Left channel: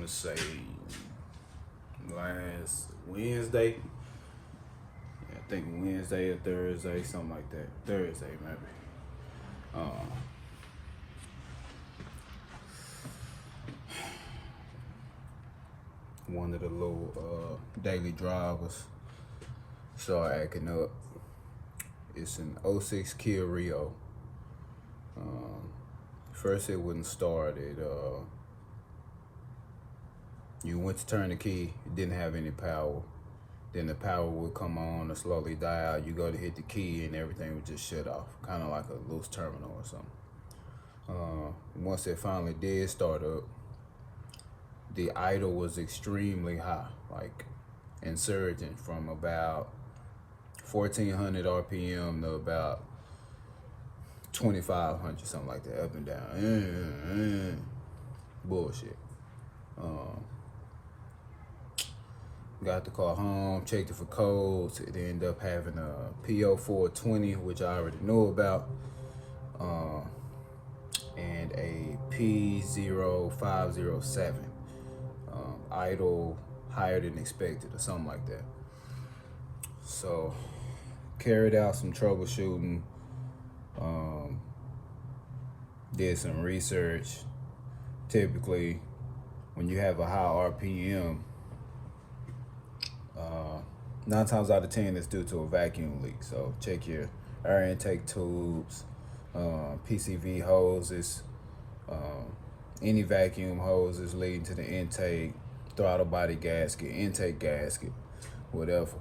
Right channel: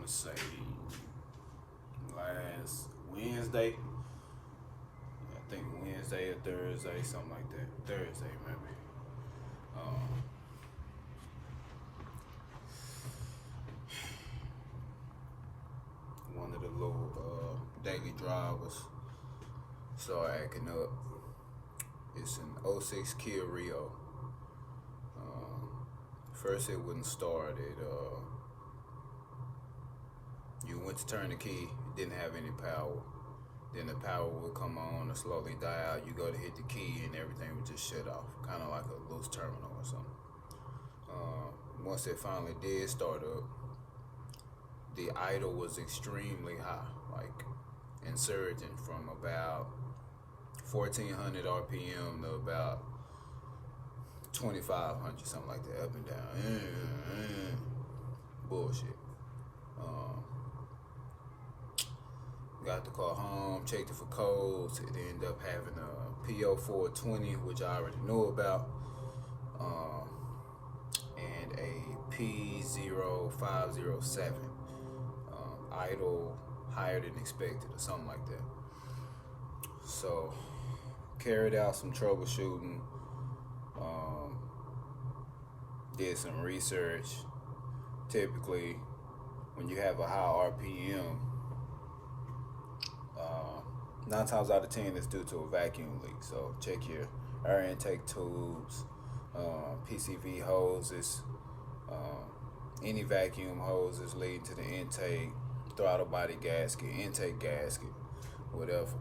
want to say last Wednesday. Yeah, I think Wednesday or Thursday, something like that. Thursday, maybe. One of the little daily drivers started acting up. It's an 06 Kia Rio. First it wouldn't start. You went to turn the key, it didn't have any power. Then the power would come on and slowly die out. You go to hit the key and everything would just shut off, kind of like a loose terminal or something. Once it finally did start up, the idle was extremely high, like insurgent, from about 1400 RPM to about 2500, something like that, up and down. Bullshit. Got the car home, checked it for codes. It ended up having a P0420, which I already know about, and a P0507. Idle higher than expected or something like that. So carried out some troubleshooting, did some research. Typically when you have a high RPM, 9 times out of 10 it's due to a vacuum leak. So check your air intake tubes, PCV hoses, any vacuum hoses leading to the intake, throttle body gasket, intake gasket, whatever.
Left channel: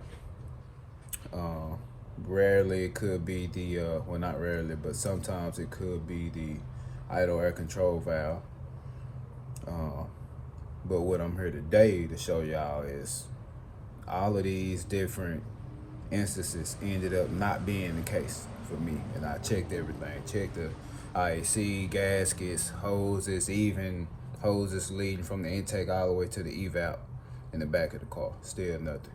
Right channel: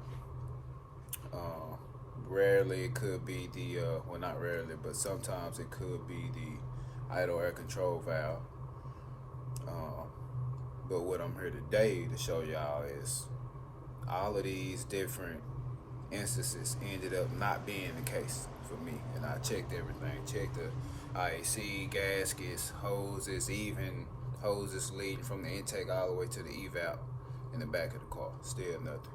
Rarely it could be the, well, not rarely, but sometimes it could be the idle air control valve. But what I'm here today to show y'all is all of these different instances ended up not being the case for me. And I checked everything, checked the IAC, gaskets, hoses, even hoses leading from the intake all the way to the evap in the back of the car. Still nothing.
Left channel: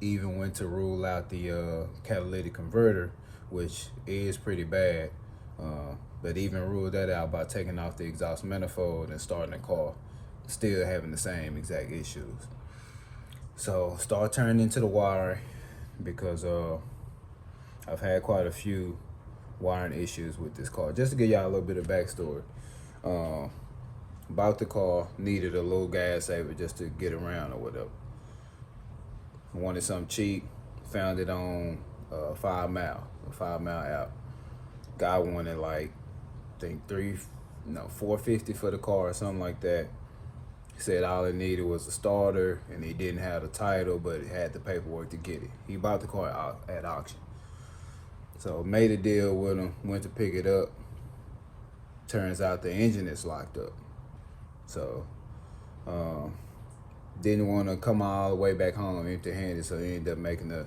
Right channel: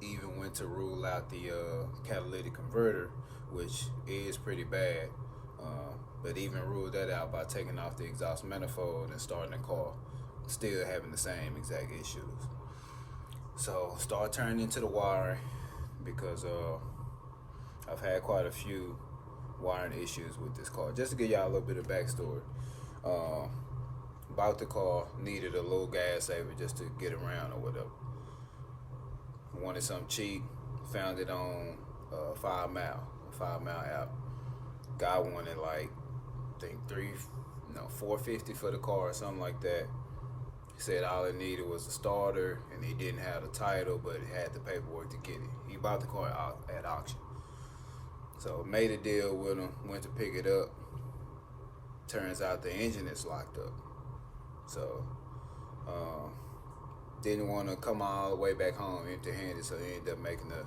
Even went to rule out the catalytic converter, which is pretty bad. But even ruled that out by taking off the exhaust manifold and starting the car, still having the same exact issues. So start turning into the wiring, because I've had quite a few wiring issues with this car. Just to give y'all a little bit of backstory. Bought the car, needed a little gas saver just to get around or whatever. Wanted something cheap, found it on 5 Mile app. Guy wanted like, I think $450 for the car or something like that. He said all it needed was a starter and he didn't have the title, but it had the paperwork to get it. He bought the car at auction. So made a deal with him, went to pick it up. Turns out the engine is locked up. So didn't want to come all the way back home empty-handed, so he ended up making a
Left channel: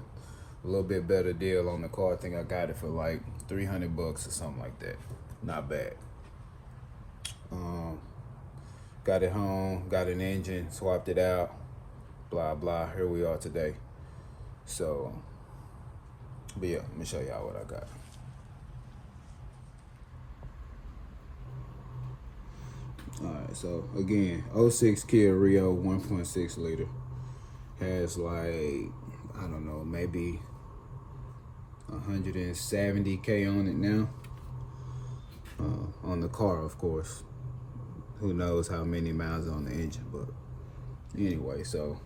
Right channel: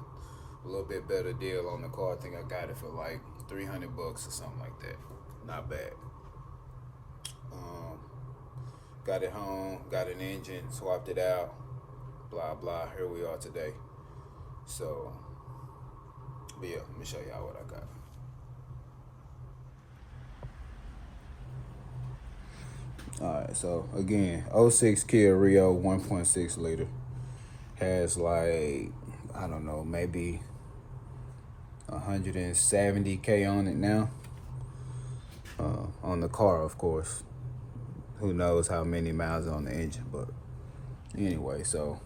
little bit better deal on the car. I think I got it for like $300 or something like that. Not bad. Got it home, got an engine, swapped it out, blah blah. Here we are today. So, but yeah, let me show y'all what I got. Alright, so again, 06 Kia Rio 1.6 liter. Has like, I don't know, maybe 170K on it now. On the car, of course. Who knows how many miles on the engine, but anyway, so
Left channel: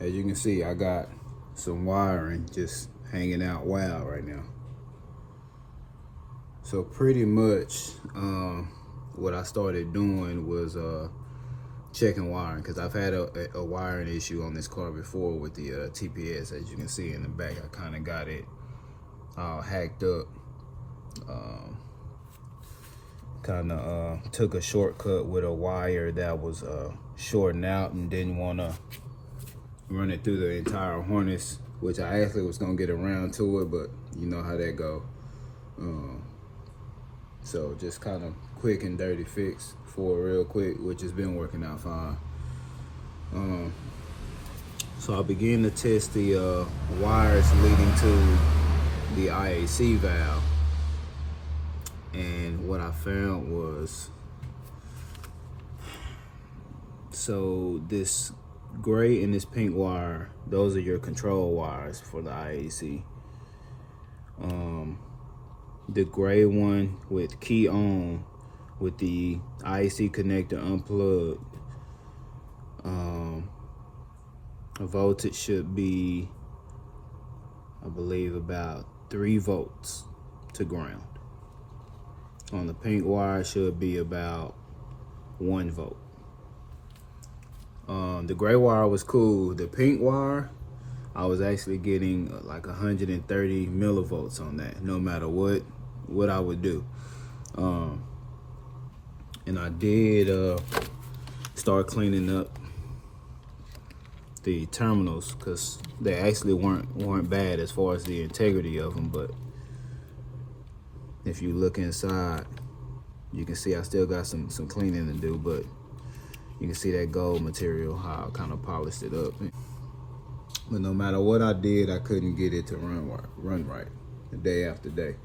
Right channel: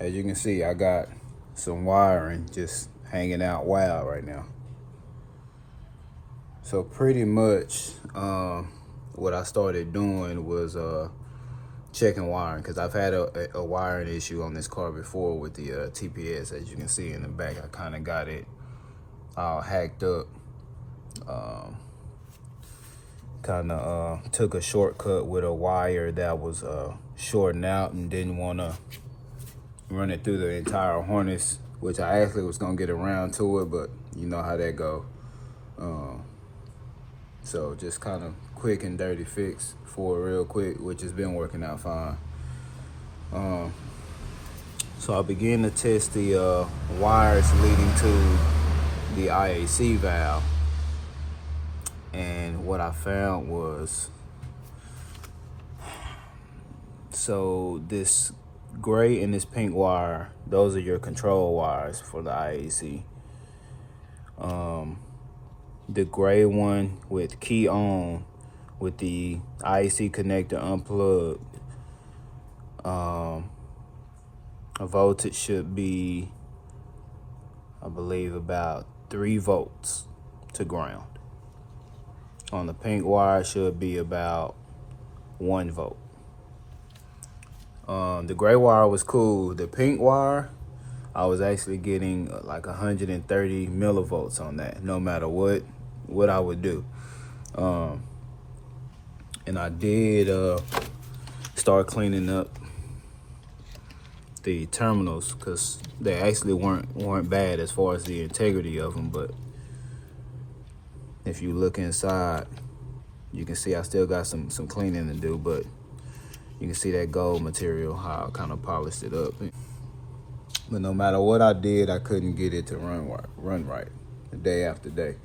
as you can see, I got some wiring just hanging out wild right now. So pretty much what I started doing was checking wiring, because I've had a wiring issue on this car before with the TPS. As you can see in the back, I kind of got it all hacked up. Kind of took a shortcut with a wire that was shorting out and didn't want to run it through the entire harness, which I actually was going to get around to it, but you know how that go. So just kind of quick and dirty fix for it real quick, which has been working out fine. So I began to test the wires leading to the IAC valve. And what I found was So this gray and this pink wire, those are your control wires for the IAC. The gray one with key on, with the IAC connector unplugged, a voltage should be, I believe, about 3 volts to ground. On the pink wire should be about 1 volt. The gray wire was cool. The pink wire, I was actually getting like 130 millivolts on that, no matter what I would do. And I did start cleaning up the terminals, because they actually weren't bad as far as the integrity of them. But if you look inside, you can see I still got some cleaning to do, but you can see that gold material, how I kind of polished it up. But no matter what I did, I couldn't get it to run right day after day,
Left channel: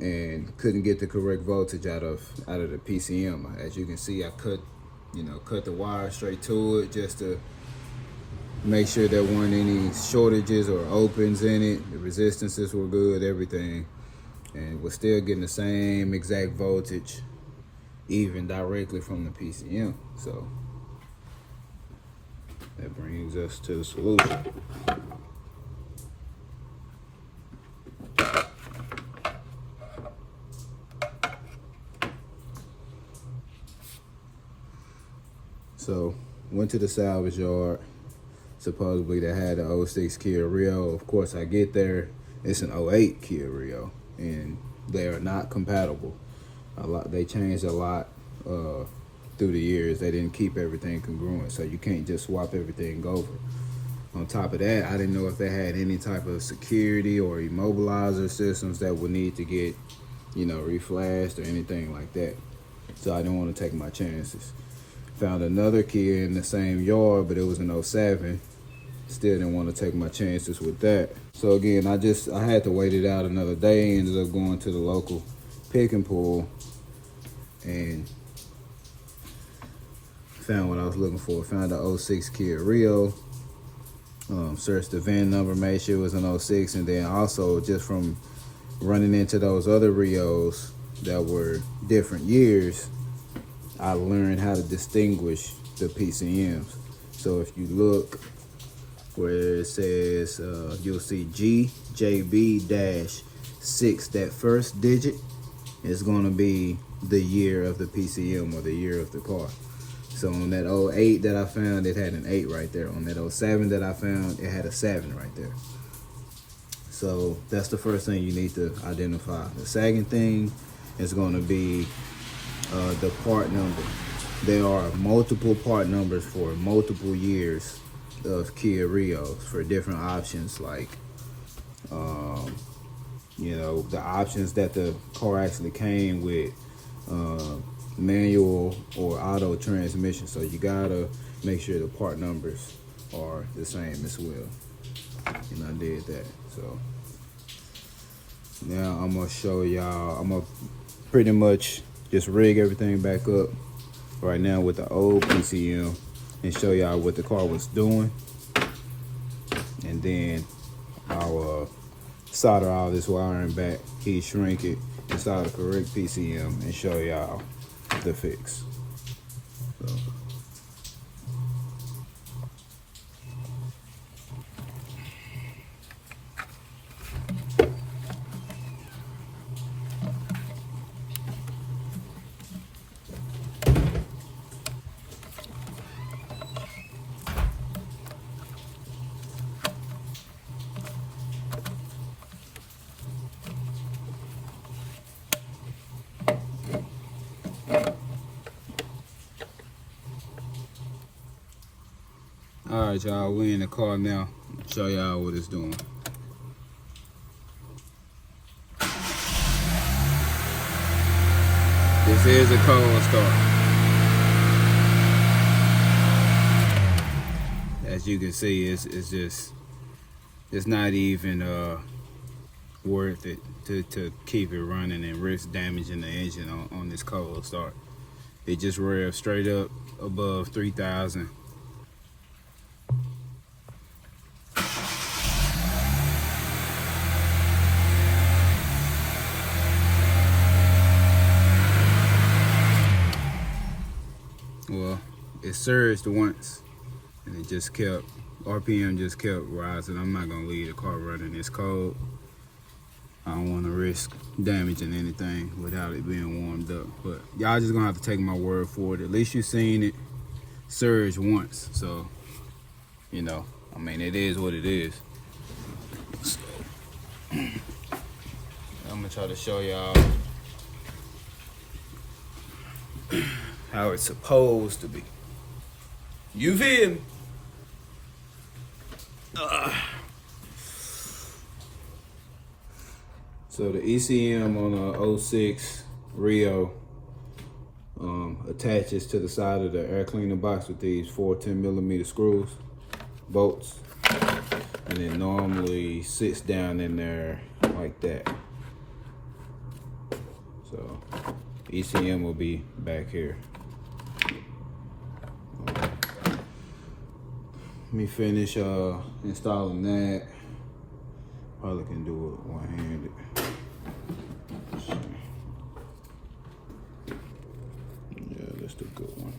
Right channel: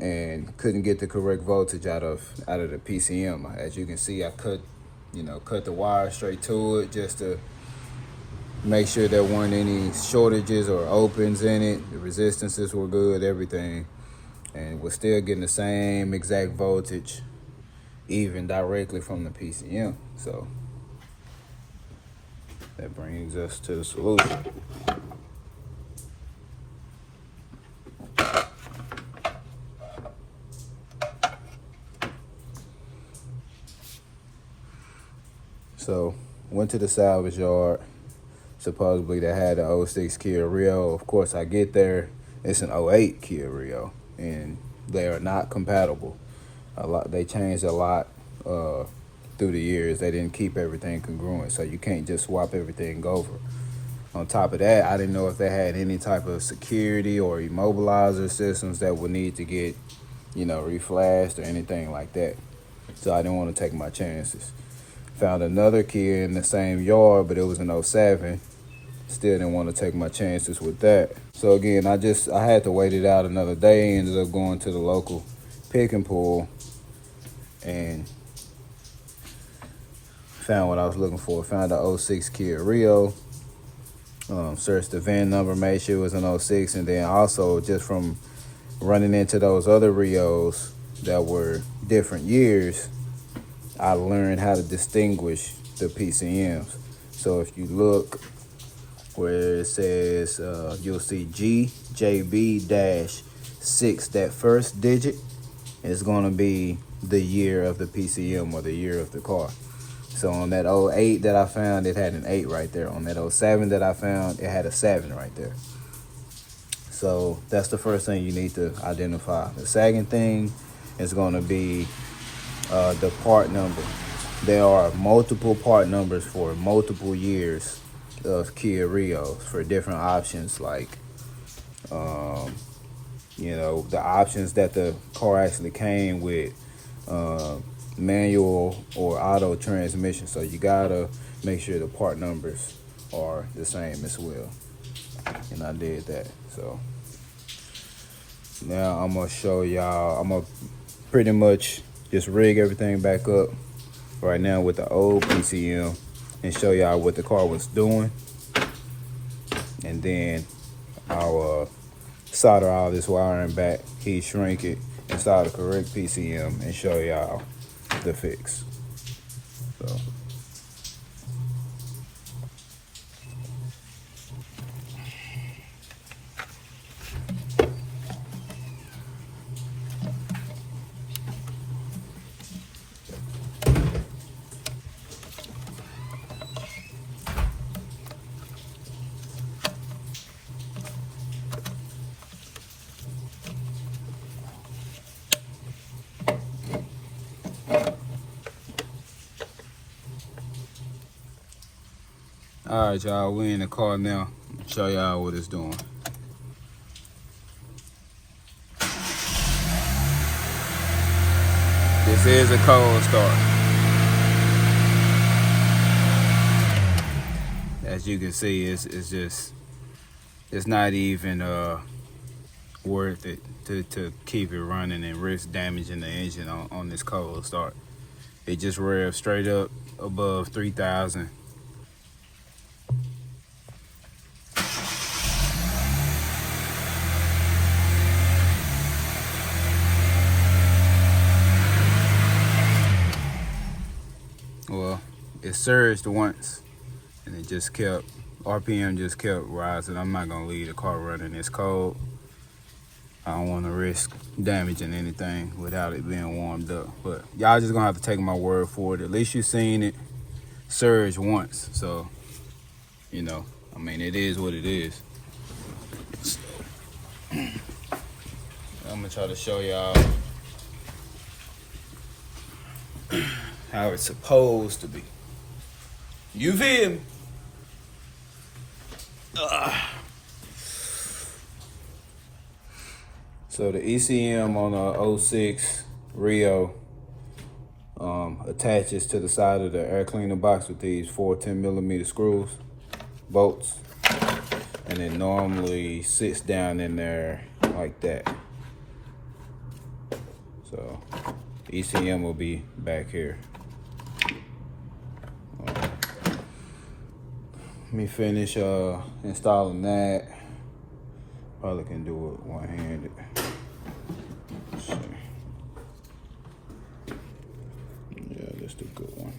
and couldn't get the correct voltage out of the PCM. As you can see, I cut the wire straight to it just to make sure there weren't any shortages or opens in it. The resistances were good, everything, and we're still getting the same exact voltage, even directly from the PCM. So that brings us to the solution. So went to the salvage yard. Supposedly they had the 06 Kia Rio. Of course, I get there, it's an 08 Kia Rio, and they are not compatible. They changed a lot through the years. They didn't keep everything congruent, so you can't just swap everything over. On top of that, I didn't know if they had any type of security or immobilizer systems that would need to get, reflashed or anything like that. So I didn't want to take my chances. Found another Kia in the same yard, but it was an 07. Still didn't want to take my chances with that. So again, I had to wait it out another day. Ended up going to the local pick and pull and found what I was looking for. Found the 06 Kia Rio. Searched the VIN number, made sure it was an 06, and then also just from running into those other Rios that were different years, I learned how to distinguish the PCMs. So if you look where it says, you'll see GJB-6, that first digit is gonna be the year of the PCM or the year of the car. So on that 08 that I found, it had an 8 right there. On that 07 that I found, it had a 7 right there. So that's the first thing you need to identify. The second thing is gonna be the part number. There are multiple part numbers for multiple years of Kia Rios for different options, like the options that the car actually came with, manual or auto transmission. So you gotta make sure the part numbers are the same as well, and I did that. So now I'm gonna show y'all, I'm gonna pretty much just rig everything back up right now with the old PCM and show y'all what the car was doing, and then I'll solder all this wiring back, heat shrink it, and solder the correct PCM and show y'all the fix. So all right, y'all, we in the car now. Show y'all what it's doing. This is a cold start. As you can see, it's not even worth it to keep it running and risk damaging the engine on this cold start. It just revs straight up above 3,000. Well, it surged once and it just kept, RPM just kept rising. I'm not gonna leave the car running this cold. I don't wanna risk damaging anything without it being warmed up. But y'all just gonna have to take my word for it. At least you've seen it surge once. So, you know, I mean, it is what it is. So, I'm gonna try to show y'all how it's supposed to be. You feel me? So the ECM on a 06 Rio attaches to the side of the air cleaner box with these 4 10mm screws, bolts, and it normally sits down in there like that. So ECM will be back here. Let me finish installing that. Probably can do it one-handed. Yeah, that's the good one.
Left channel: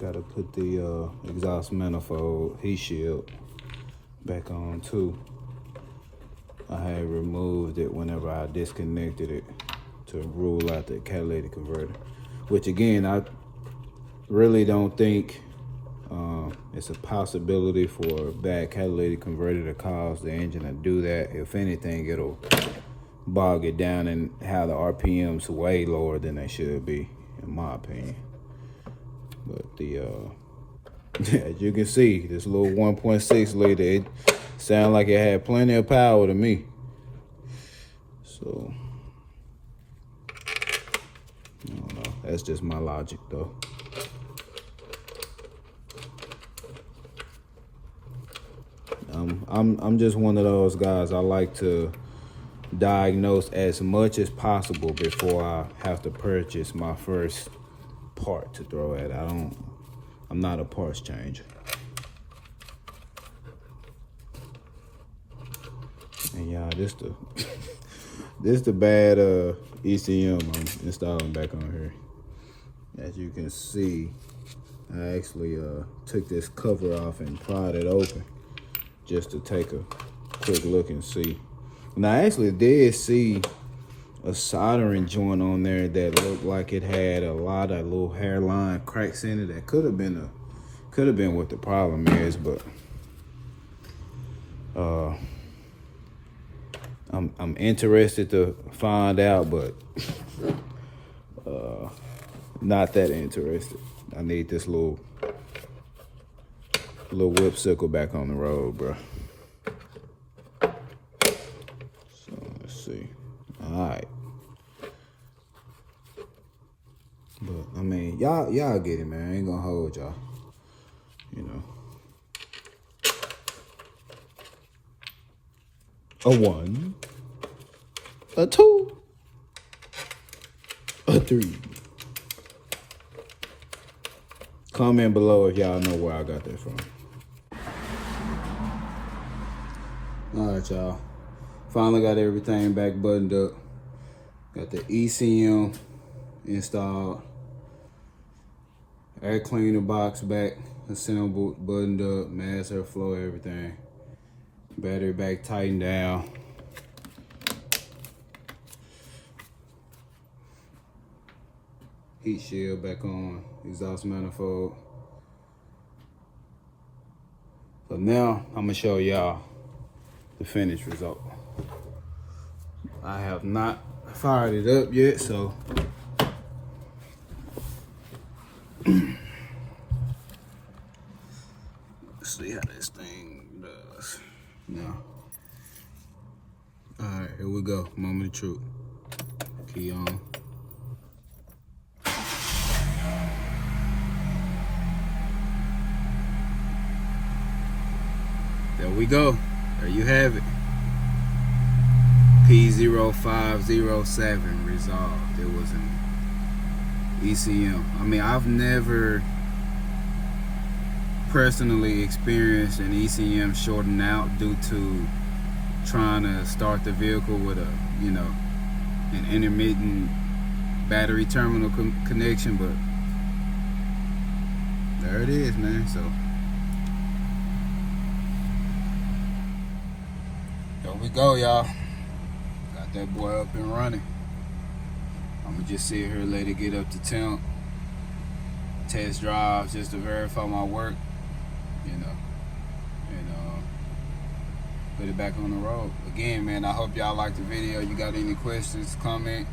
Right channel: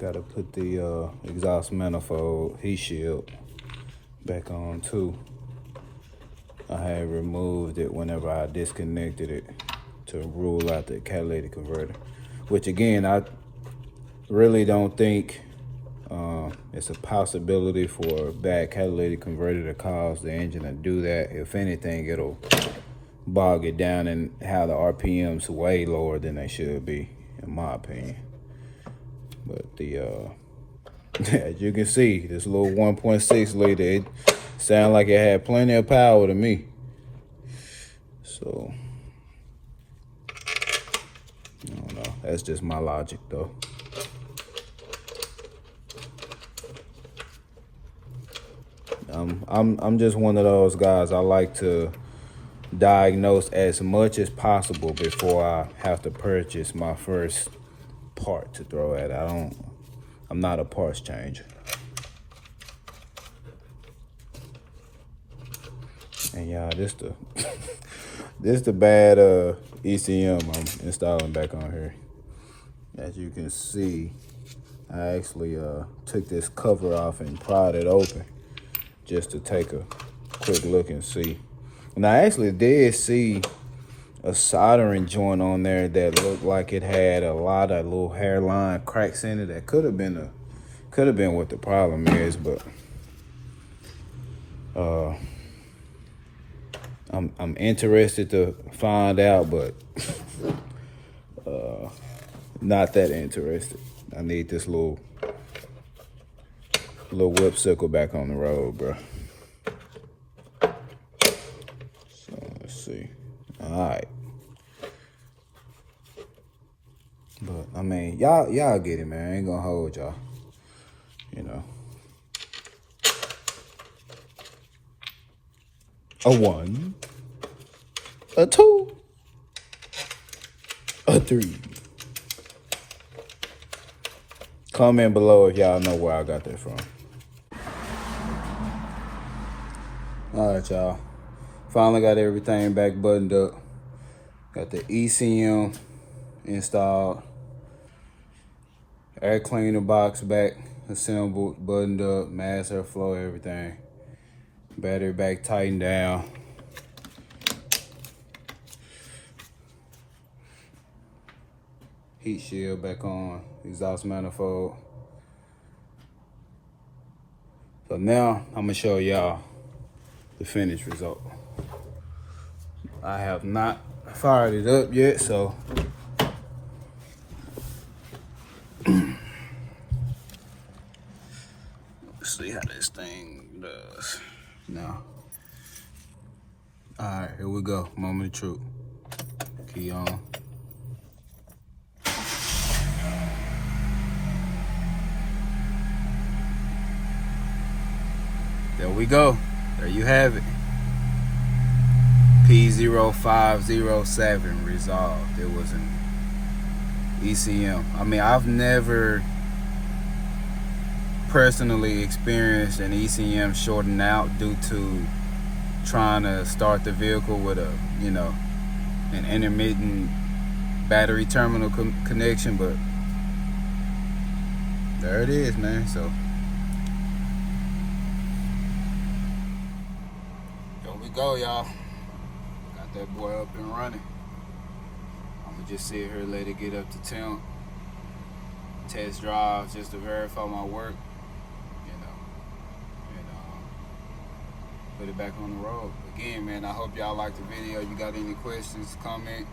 Got to put the exhaust manifold heat shield back on too. I had removed it whenever I disconnected it to rule out the catalytic converter, which again, I really don't think it's a possibility for a bad catalytic converter to cause the engine to do that. If anything, it'll bog it down and have the RPMs way lower than they should be, in my opinion. But the as you can see, this little 1.6 liter, it sounded like it had plenty of power to me. So I don't know. That's just my logic, though. I'm just one of those guys. I like to diagnose as much as possible before I have to purchase my first part to throw at. I'm not a parts changer. And y'all, this the bad ECM I'm installing back on here. As you can see, I actually took this cover off and pried it open just to take a quick look and see. And I actually did see a soldering joint on there that looked like it had a lot of little hairline cracks in it. That could have been what the problem is, but I'm interested to find out, but not that interested. I need this little whipsicle back on the road, bro. So let's see. All right. But I mean, y'all get it, man. I ain't gonna hold y'all. You know. A 1, a 2, a 3. Comment below if y'all know where I got that from. All right, y'all. Finally got everything back buttoned up. Got the ECM installed. Air cleaner box back assembled, buttoned up, mass airflow, everything. Battery back tightened down. Heat shield back on, exhaust manifold. So now I'm gonna show y'all the finished result. I have not fired it up yet, so let's see how this thing does now. All right, here we go, moment of truth. Key on. There we go. There you have it. P0507 resolved. It was an ECM. I mean, I've never personally experienced an ECM shorting out due to trying to start the vehicle with a, you know, an intermittent battery terminal connection, but there it is, man. So there we go, y'all. Got that boy up and running. I'm gonna just sit here and let it get up to temp, test drive just to verify my work, you know, and put it back on the road. Again, man, I hope y'all liked the video. You got any questions, comment,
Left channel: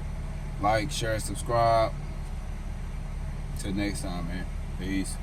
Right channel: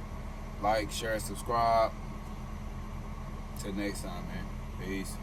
like, share, subscribe. Till next time, man. Peace.